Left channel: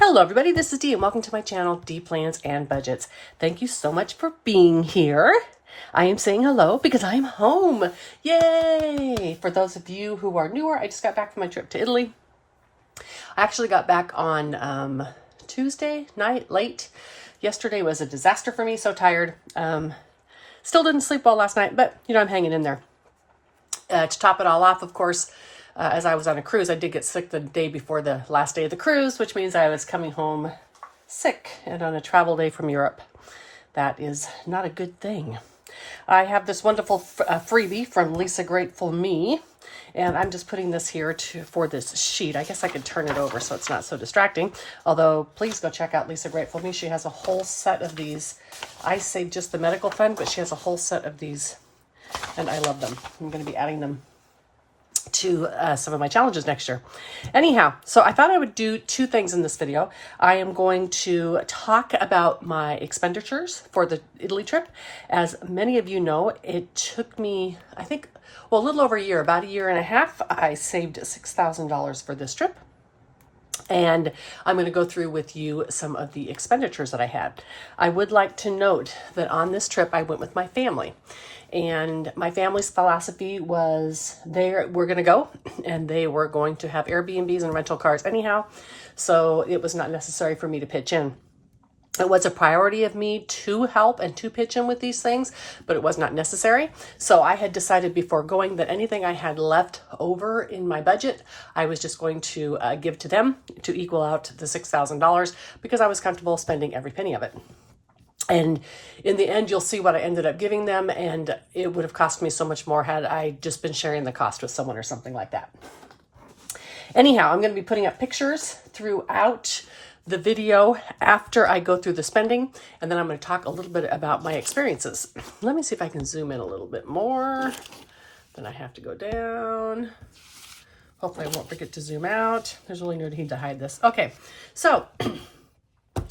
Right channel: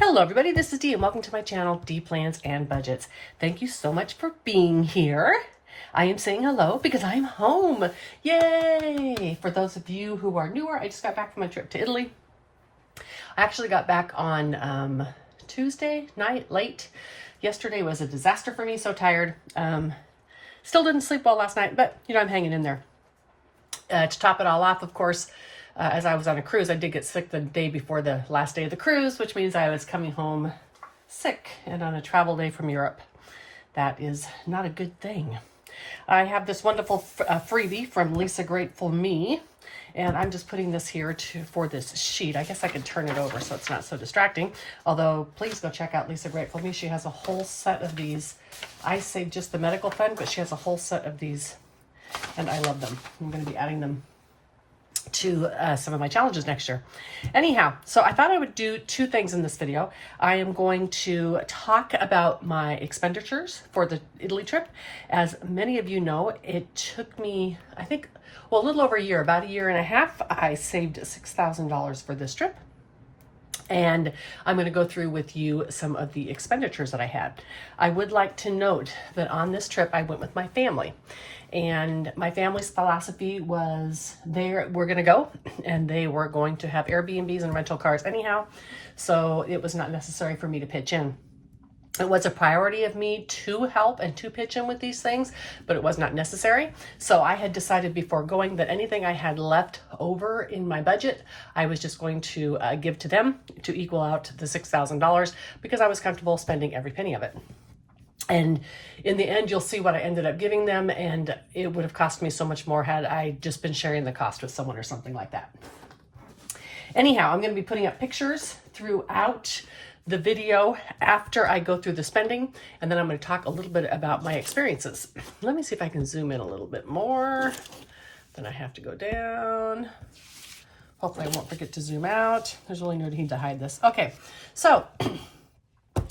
Hello everybody, this is Dee and welcome to my channel, Dee Plans and Budgets. Thank you so much for being here. I am saying hello because I'm home. Yay! For those of you who are newer, I just got back from my trip to Italy. I actually got back on Tuesday night, late. Yesterday was a disaster for me, so tired. Still didn't sleep well last night, but I'm hanging in there. To top it all off, of course, as I was on a cruise, I did get sick the day before the last day of the cruise, which means I was coming home sick and on a travel day from Europe. That is not a good thing. I have this wonderful freebie from Lisa Grateful Me, and I'm just putting this here for this sheet. I guess I could turn it over so it's not so distracting. Although, please go check out Lisa Grateful Me. She has a whole set of these. I say just the medical fund, but she has a whole set of these, and I love them. I'm going to be adding them to some of my challenges next year. Anyhow, so I thought I would do two things in this video. I am going to talk about my expenditures for the Italy trip. As many of you know, it took me, I think, a little over a year, about a year and a half. I saved $6,000 for this trip. And I'm going to go through with you some of the expenditures that I had. I would like to note that on this trip, I went with my family. And my family's philosophy was they were going to go and they were going to have Airbnbs and rental cars anyhow. So it was not necessary for me to pitch in. It was a priority of me to help and to pitch in with these things, but it was not necessary. So I had decided before going that anything I had left over in my budget, I was just going to give to them to equal out the $6,000 because I was comfortable spending every penny of it. And in the end, you'll see what I ended up giving them, and it would have cost me so much more had I just been sharing the cost with someone or something like that. Anyhow, I'm going to be putting up pictures throughout the video after I go through the spending, and then I'm going to talk a little bit about my experiences. Let me see if I can zoom in a little bit more. Then I have to go down. Hopefully I won't forget to zoom out. There's really no need to hide this. Okay, so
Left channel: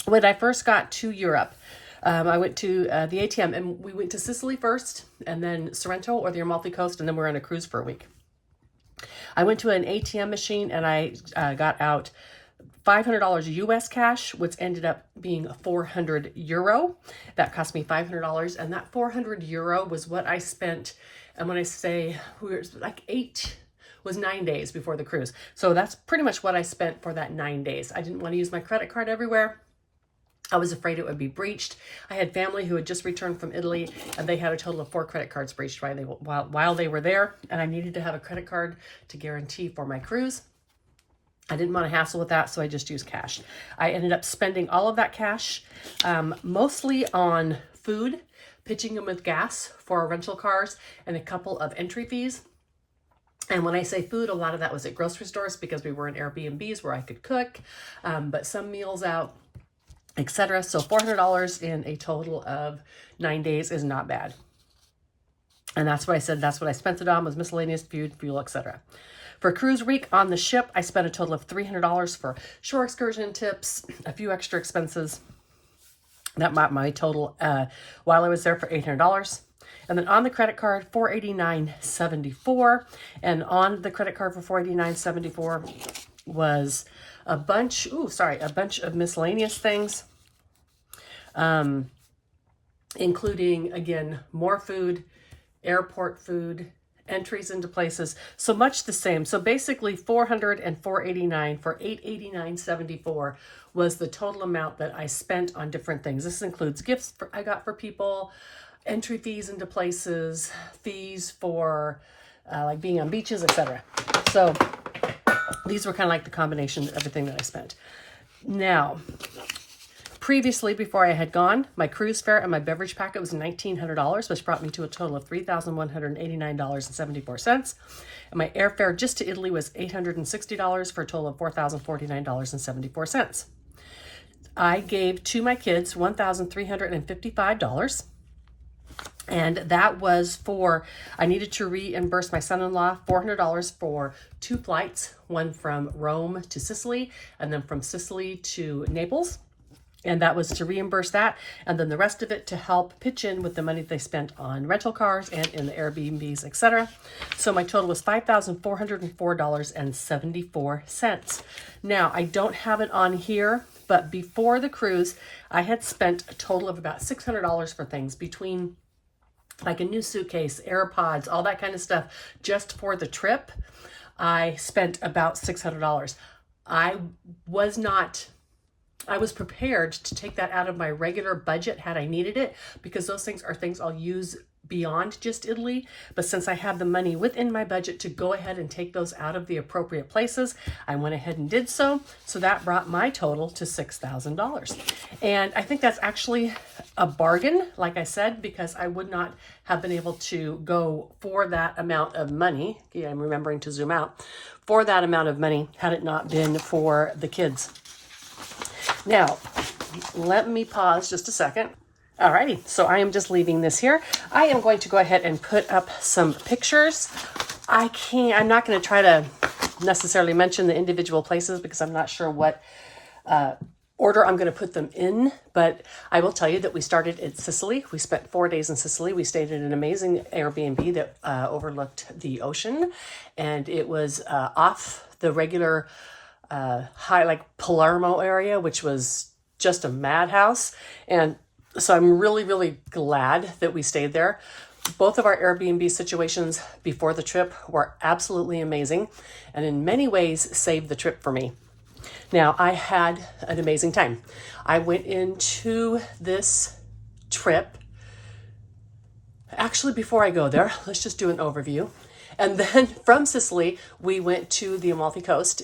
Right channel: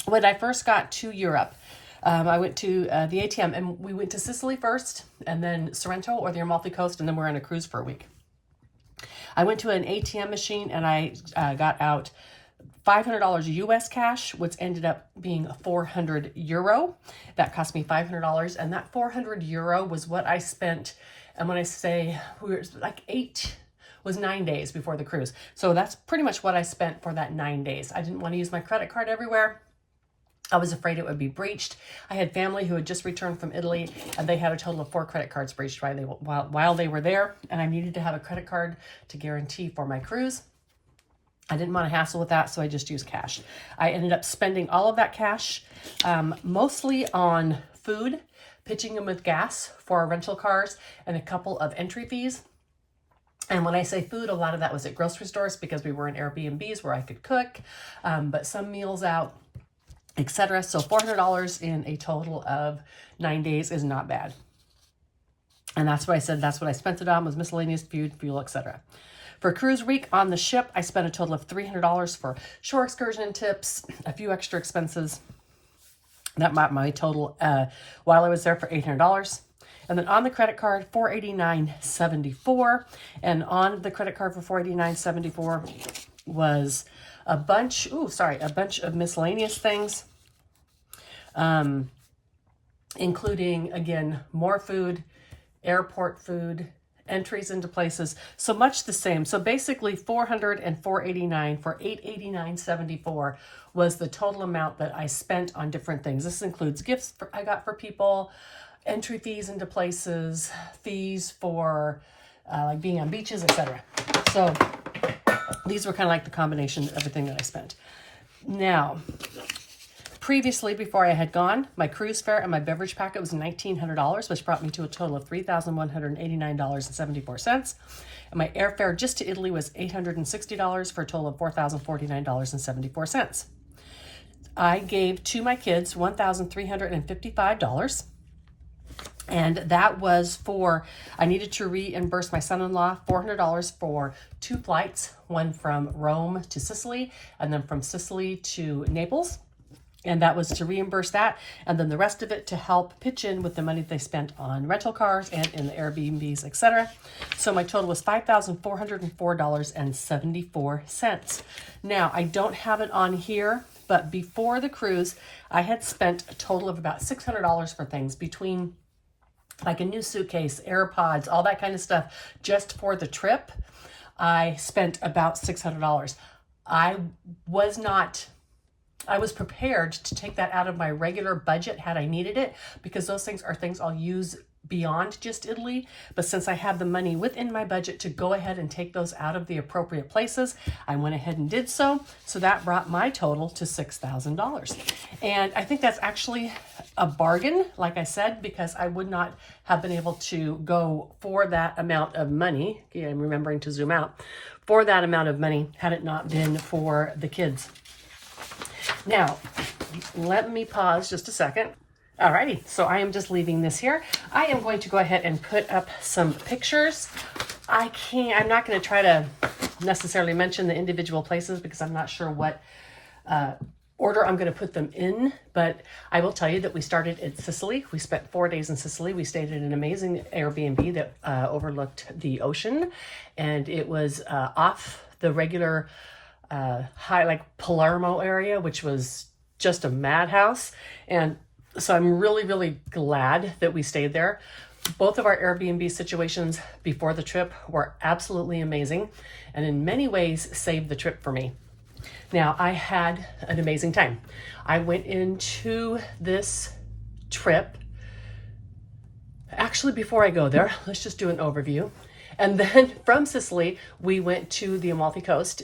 when I first got to Europe, I went to the ATM, and we went to Sicily first, and then Sorrento or the Amalfi Coast, and then we're on a cruise for a week. I went to an ATM machine, and I got out $500 US cash, which ended up being 400 euro. That cost me $500, and that 400 euro was what I spent. And when I say we were like 9 days before the cruise. So that's pretty much what I spent for that 9 days. I didn't want to use my credit card everywhere. I was afraid it would be breached. I had family who had just returned from Italy, and they had a total of 4 credit cards breached while they were there, and I needed to have a credit card to guarantee for my cruise. I didn't want to hassle with that, so I just used cash. I ended up spending all of that cash mostly on food, pitching in with gas for our rental cars, and a couple of entry fees. And when I say food, a lot of that was at grocery stores because we were in Airbnbs where I could cook, but some meals out, etc. So $400 in a total of 9 days is not bad. And that's what I said, that's what I spent it on, was miscellaneous food, fuel, etc. For cruise week on the ship, I spent a total of $300 for shore excursion tips, a few extra expenses. That brought my total while I was there for $800. And then on the credit card, $489.74. And on the credit card for $489.74 was a bunch of miscellaneous things, including, again, more food, airport food, entries into places, so much the same. So basically 400 and 489 for $889.74 was the total amount that I spent on different things. This includes gifts I got for people, entry fees into places, fees for like being on beaches, etc. So these were kind of like the combination of everything that I spent. Now, previously, before I had gone, my cruise fare and my beverage packet was $1,900, which brought me to a total of $3,189.74. And my airfare just to Italy was $860 for a total of $4,049.74. I gave to my kids $1,355. And that was for, I needed to reimburse my son-in-law $400 for 2 flights, one from Rome to Sicily, and then from Sicily to Naples. And that was to reimburse that, and then the rest of it to help pitch in with the money they spent on rental cars and in the Airbnbs, etc. So my total was $5,404.74. Now, I don't have it on here, but before the cruise, I had spent a total of about $600 for things, between like a new suitcase, AirPods, all that kind of stuff, just for the trip. I spent about $600. I was prepared to take that out of my regular budget had I needed it, because those things are things I'll use beyond just Italy. But since I had the money within my budget to go ahead and take those out of the appropriate places, I went ahead and did so. So that brought my total to $6,000. And I think that's actually a bargain, like I said, because I would not have been able to go for that amount of money. Yeah, I'm remembering to zoom out. For that amount of money had it not been for the kids. Now, let me pause just a second. Alrighty, so I am just leaving this here. I am going to go ahead and put up some pictures. I'm not going to try to necessarily mention the individual places because I'm not sure what order I'm going to put them in, but I will tell you that we started in Sicily. We spent 4 days in Sicily. We stayed in an amazing Airbnb that overlooked the ocean, and it was off the regular high, like Palermo area, which was just a madhouse. And so I'm really, really glad that we stayed there. Both of our Airbnb situations before the trip were absolutely amazing, and in many ways saved the trip for me. Now, I had an amazing time. I went into this trip, actually before I go there, let's just do an overview. And then from Sicily, we went to the Amalfi Coast.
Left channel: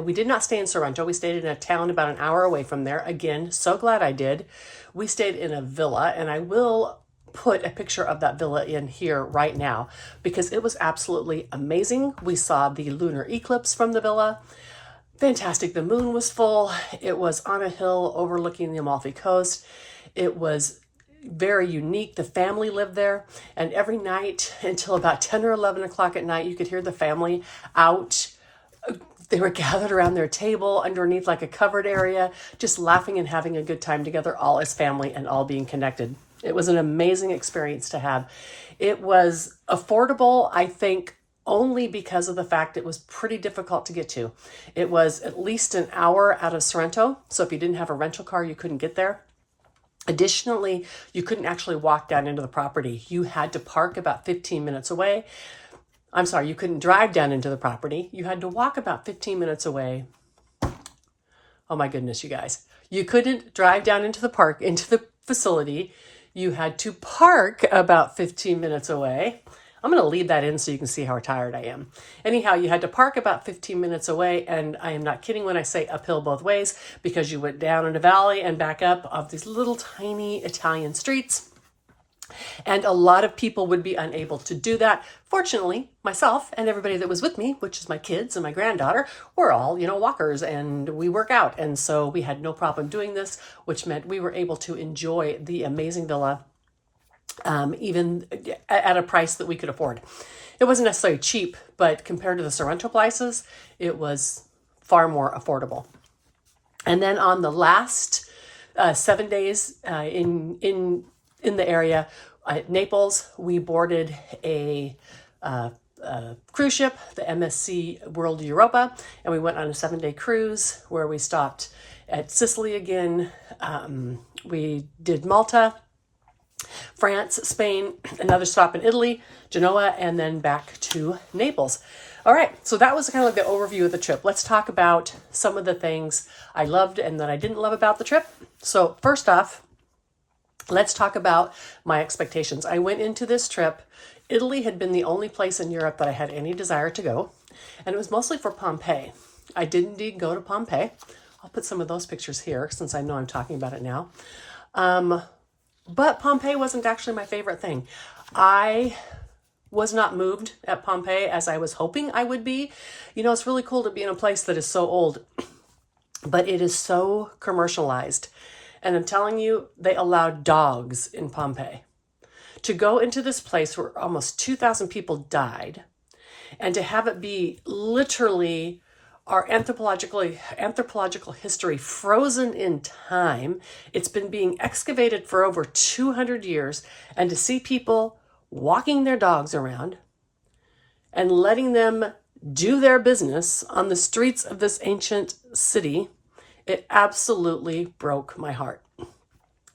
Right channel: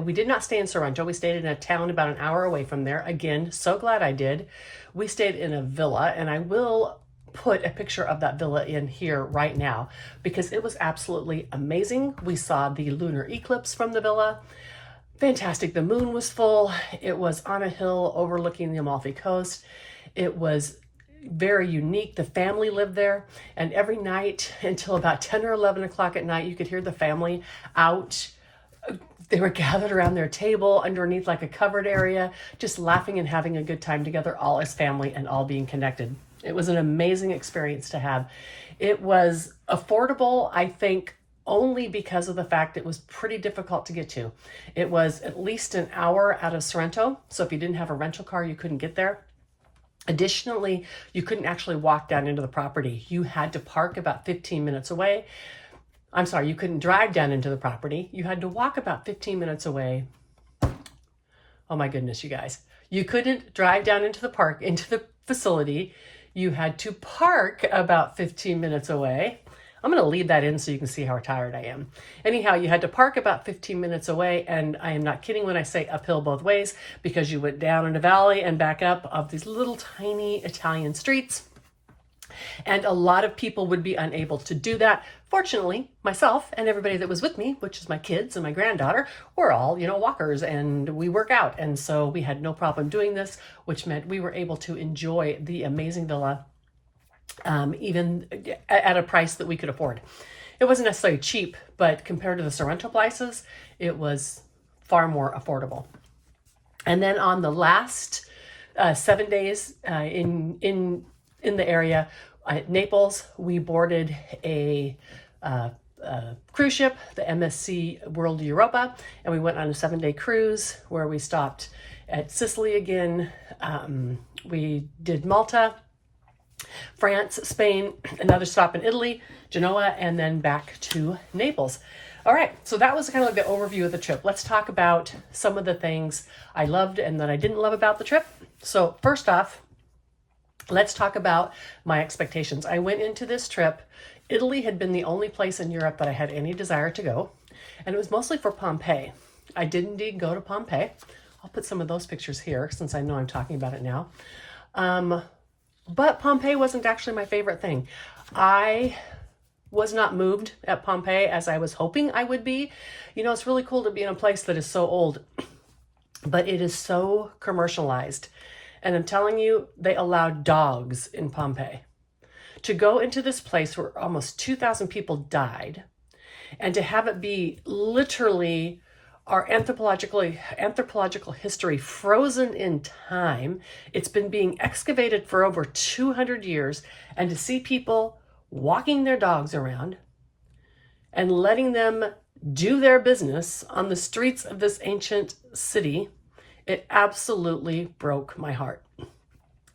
We did not stay in Sorrento. We stayed in a town about an hour away from there. Again, so glad I did. We stayed in a villa, and I will put a picture of that villa in here right now because it was absolutely amazing. We saw the lunar eclipse from the villa. Fantastic. The moon was full. It was on a hill overlooking the Amalfi Coast. It was very unique. The family lived there, and every night until about 10 or 11 o'clock at night, you could hear the family out. They were gathered around their table underneath like a covered area, just laughing and having a good time together, all as family and all being connected. It was an amazing experience to have. It was affordable, I think, only because of the fact it was pretty difficult to get to. It was at least an hour out of Sorrento, so if you didn't have a rental car, you couldn't get there. Additionally, you couldn't actually walk down into the property. You had to park about 15 minutes away. I'm sorry, you couldn't drive down into the property. You had to walk about 15 minutes away. Oh my goodness, you guys. You couldn't drive down into the facility. You had to park about 15 minutes away. I'm going to leave that in so you can see how tired I am. Anyhow, you had to park about 15 minutes away, and I am not kidding when I say uphill both ways, because you went down in a valley and back up of these little tiny Italian streets. And a lot of people would be unable to do that. Fortunately, myself and everybody that was with me, which is my kids and my granddaughter, we're all, walkers, and we work out. And so we had no problem doing this, which meant we were able to enjoy the amazing villa, even at a price that we could afford. It wasn't necessarily cheap, but compared to the Sorrento prices, it was far more affordable. And then on the last 7 days in the area, at Naples, we boarded a cruise ship, the MSC World Europa, and we went on a 7-day cruise where we stopped at Sicily again. We did Malta, France, Spain, another stop in Italy, Genoa, and then back to Naples. All right, so that was kind of like the overview of the trip. Let's talk about some of the things I loved and that I didn't love about the trip. So first off, let's talk about my expectations. I went into this trip. Italy had been the only place in Europe that I had any desire to go, and it was mostly for Pompeii. I did indeed go to Pompeii. I'll put some of those pictures here since I know I'm talking about it now. But Pompeii wasn't actually my favorite thing. I was not moved at Pompeii as I was hoping I would be. It's really cool to be in a place that is so old, but it is so commercialized. And I'm telling you, they allowed dogs in Pompeii. To go into this place where almost 2,000 people died, and to have it be literally our anthropological history frozen in time. It's been being excavated for over 200 years, and to see people walking their dogs around and letting them do their business on the streets of this ancient city, it absolutely broke my heart.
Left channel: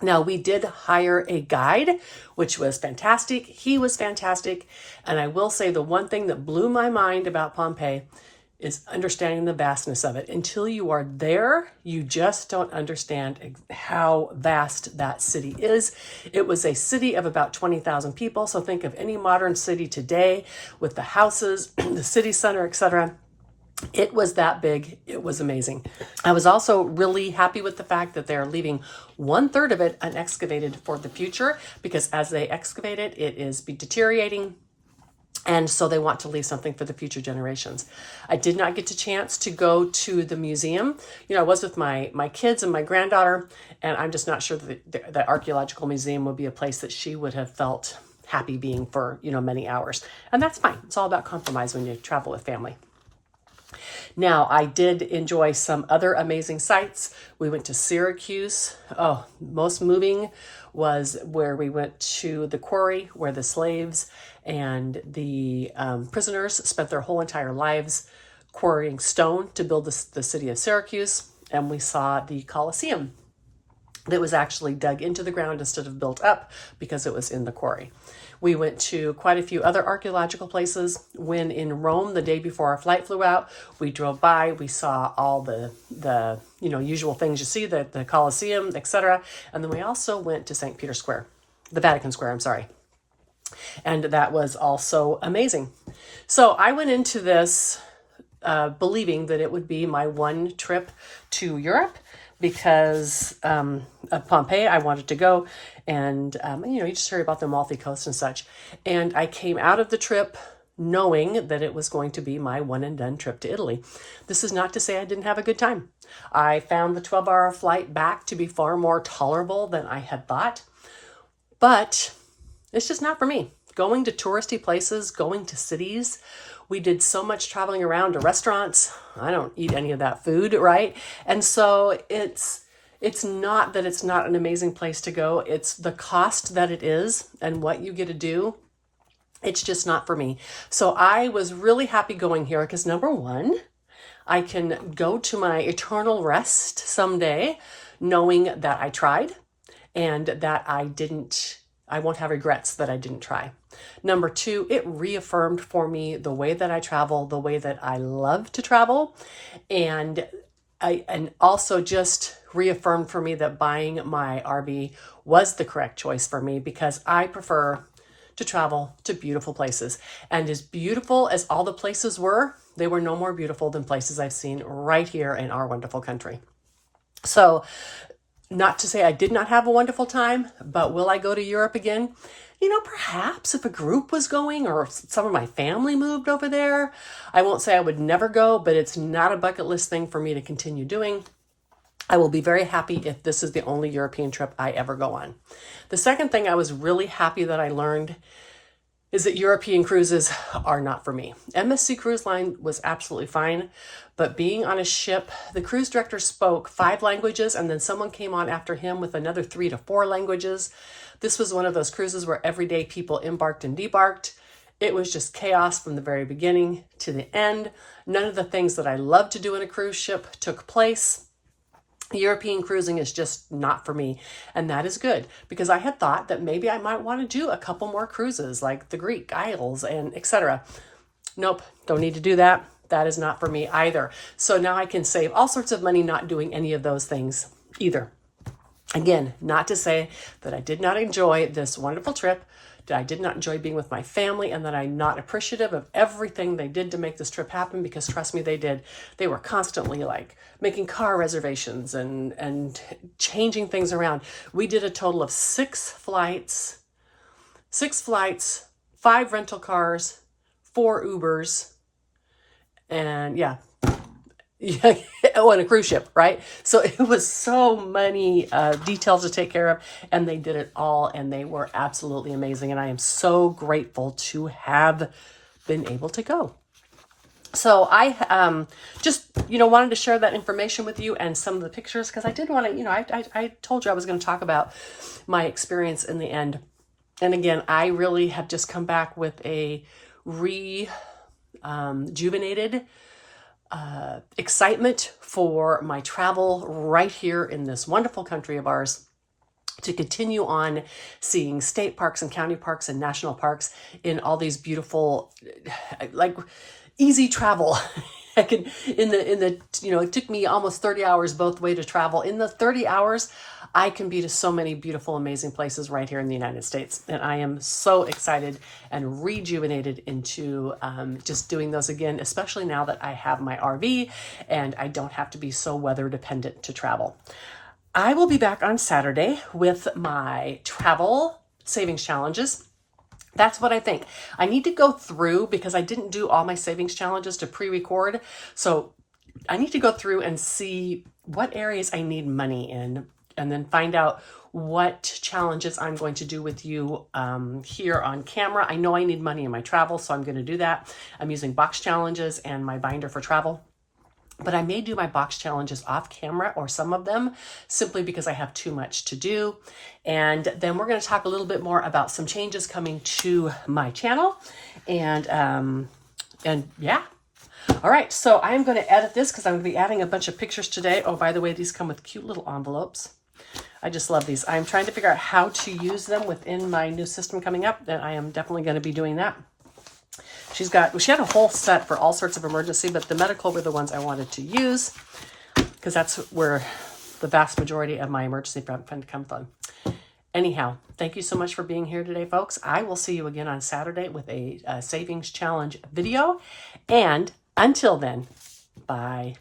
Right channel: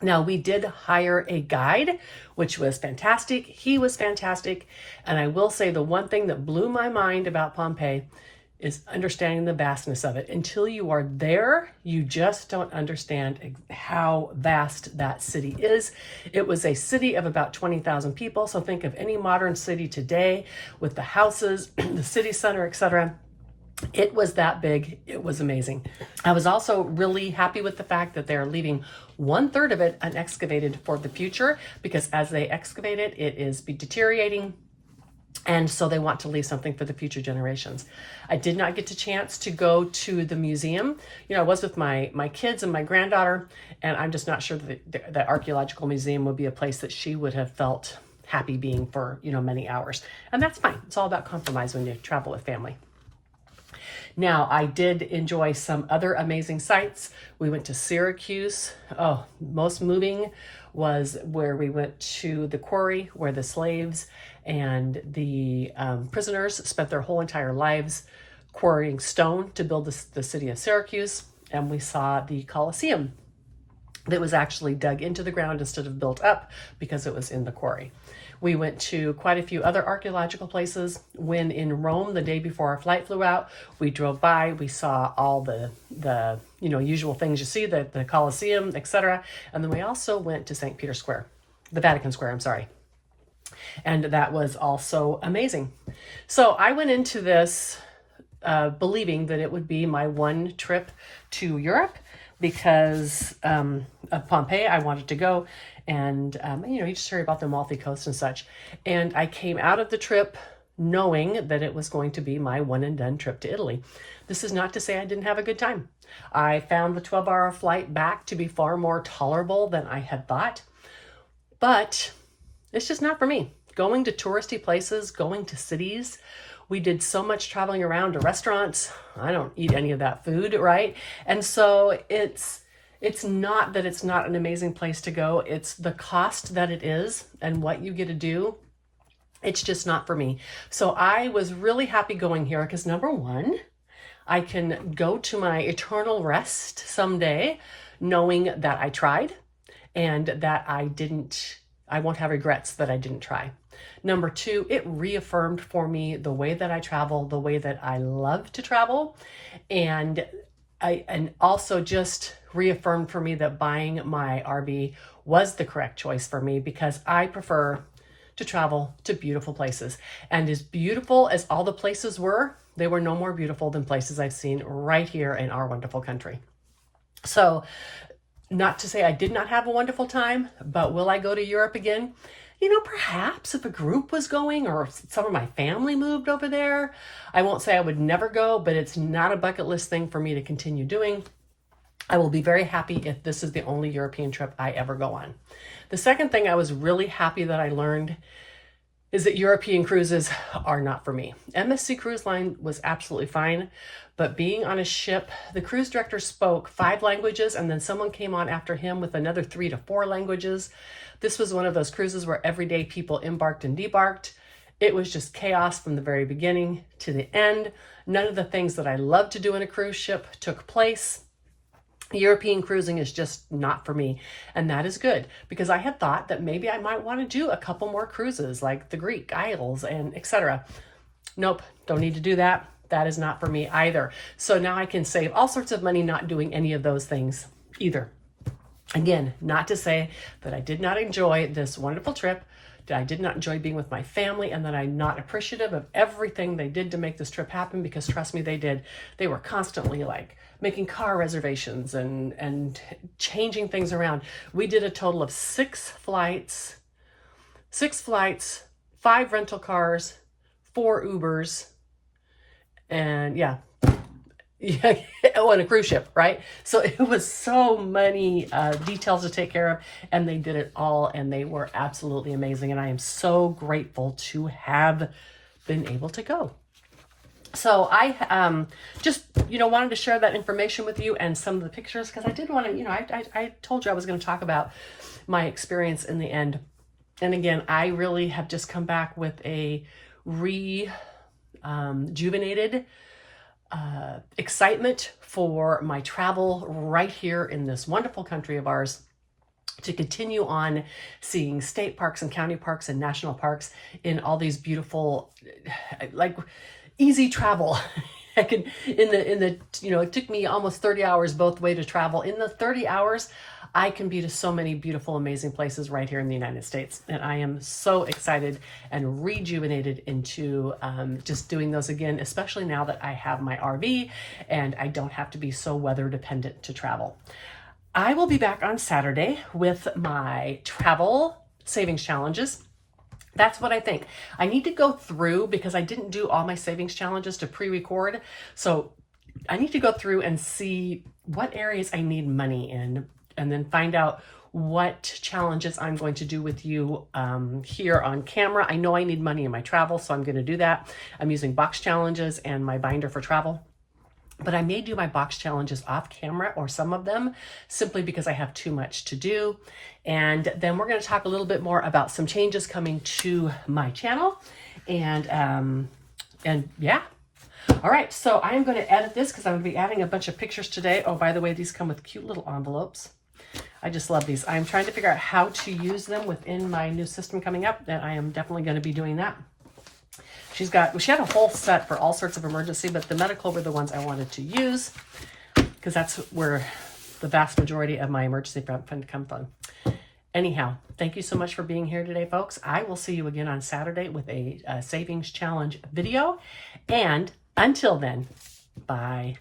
Now, we did hire a guide, which was fantastic. He was fantastic. And I will say the one thing that blew my mind about Pompeii is understanding the vastness of it. Until you are there, you just don't understand how vast that city is. It was a city of about 20,000 people. So think of any modern city today with the houses, the city center, etc. It was that big. It was amazing. I was also really happy with the fact that they're leaving 1/3 of it unexcavated for the future, because as they excavate it, it is deteriorating. And so they want to leave something for the future generations. I did not get a chance to go to the museum. I was with my kids and my granddaughter, and I'm just not sure that the archaeological museum would be a place that she would have felt happy being for, many hours. And that's fine. It's all about compromise when you travel with family. Now, I did enjoy some other amazing sites. We went to Syracuse. Oh, most moving was where we went to the quarry where the slaves and the prisoners spent their whole entire lives quarrying stone to build the city of Syracuse. And we saw the Colosseum that was actually dug into the ground instead of built up because it was in the quarry. We went to quite a few other archaeological places. When in Rome, the day before our flight flew out, we drove by, we saw all the usual things you see, the Colosseum, etc. And then we also went to St. Peter's Square, the Vatican Square, I'm sorry. And that was also amazing. So I went into this believing that it would be my one trip to Europe, because of Pompeii, I wanted to go, and you just hear about the Amalfi Coast and such. And I came out of the trip knowing that it was going to be my one and done trip to Italy. This is not to say I didn't have a good time. I found the 12-hour flight back to be far more tolerable than I had thought, but it's just not for me. Going to touristy places, going to cities. We did so much traveling around to restaurants. I don't eat any of that food, right? And so it's not that it's not an amazing place to go. It's the cost that it is and what you get to do. It's just not for me. So I was really happy going here because, number one, I can go to my eternal rest someday knowing that I tried and that I won't have regrets that I didn't try. Number two, it reaffirmed for me the way that I travel, the way that I love to travel. And also just reaffirmed for me that buying my RV was the correct choice for me, because I prefer to travel to beautiful places. And as beautiful as all the places were, they were no more beautiful than places I've seen right here in our wonderful country. So not to say I did not have a wonderful time, but will I go to Europe again? Perhaps if a group was going or some of my family moved over there. I won't say I would never go, but it's not a bucket list thing for me to continue doing. I will be very happy if this is the only European trip I ever go on. The second thing I was really happy that I learned is that European cruises are not for me. MSC Cruise Line was absolutely fine, but being on a ship, the cruise director spoke 5 languages, and then someone came on after him with another 3 to 4 languages. This was one of those cruises where everyday people embarked and debarked. It was just chaos from the very beginning to the end. None of the things that I love to do in a cruise ship took place. European cruising is just not for me. And that is good, because I had thought that maybe I might want to do a couple more cruises like the Greek Isles and etc. Nope, don't need to do that. That is not for me either. So now I can save all sorts of money not doing any of those things either. Again, not to say that I did not enjoy this wonderful trip, that I did not enjoy being with my family, and that I'm not appreciative of everything they did to make this trip happen, because trust me, they did. They were constantly like making car reservations and changing things around. We did a total of 6 flights, 5 rental cars, 4 Ubers, and on a cruise ship, right? So it was so many details to take care of, and they did it all, and they were absolutely amazing. And I am so grateful to have been able to go. So I just, wanted to share that information with you and some of the pictures, because I did want to, I told you I was going to talk about my experience in the end. And again, I really have just come back with a rejuvenated excitement for my travel right here in this wonderful country of ours, to continue on seeing state parks and county parks and national parks in all these beautiful, like, easy travel. I could, it took me almost 30 hours both way to travel. In the 30 hours, I can be to so many beautiful, amazing places right here in the United States. And I am so excited and rejuvenated into just doing those again, especially now that I have my RV and I don't have to be so weather dependent to travel. I will be back on Saturday with my travel savings challenges. That's what I think. I need to go through, because I didn't do all my savings challenges to pre-record. So I need to go through and see what areas I need money in, and then find out what challenges I'm going to do with you here on camera. I know I need money in my travel, so I'm going to do that. I'm using box challenges and my binder for travel. But I may do my box challenges off camera, or some of them, simply because I have too much to do. And then we're going to talk a little bit more about some changes coming to my channel. And yeah. All right, so I am going to edit this because I'm going to be adding a bunch of pictures today. Oh, by the way, these come with cute little envelopes. I just love these. I'm trying to figure out how to use them within my new system coming up, and I am definitely going to be doing that. She had a whole set for all sorts of emergency, but the medical were the ones I wanted to use, because that's where the vast majority of my emergency fund comes from. Anyhow, thank you so much for being here today, folks. I will see you again on Saturday with a savings challenge video. And until then, bye.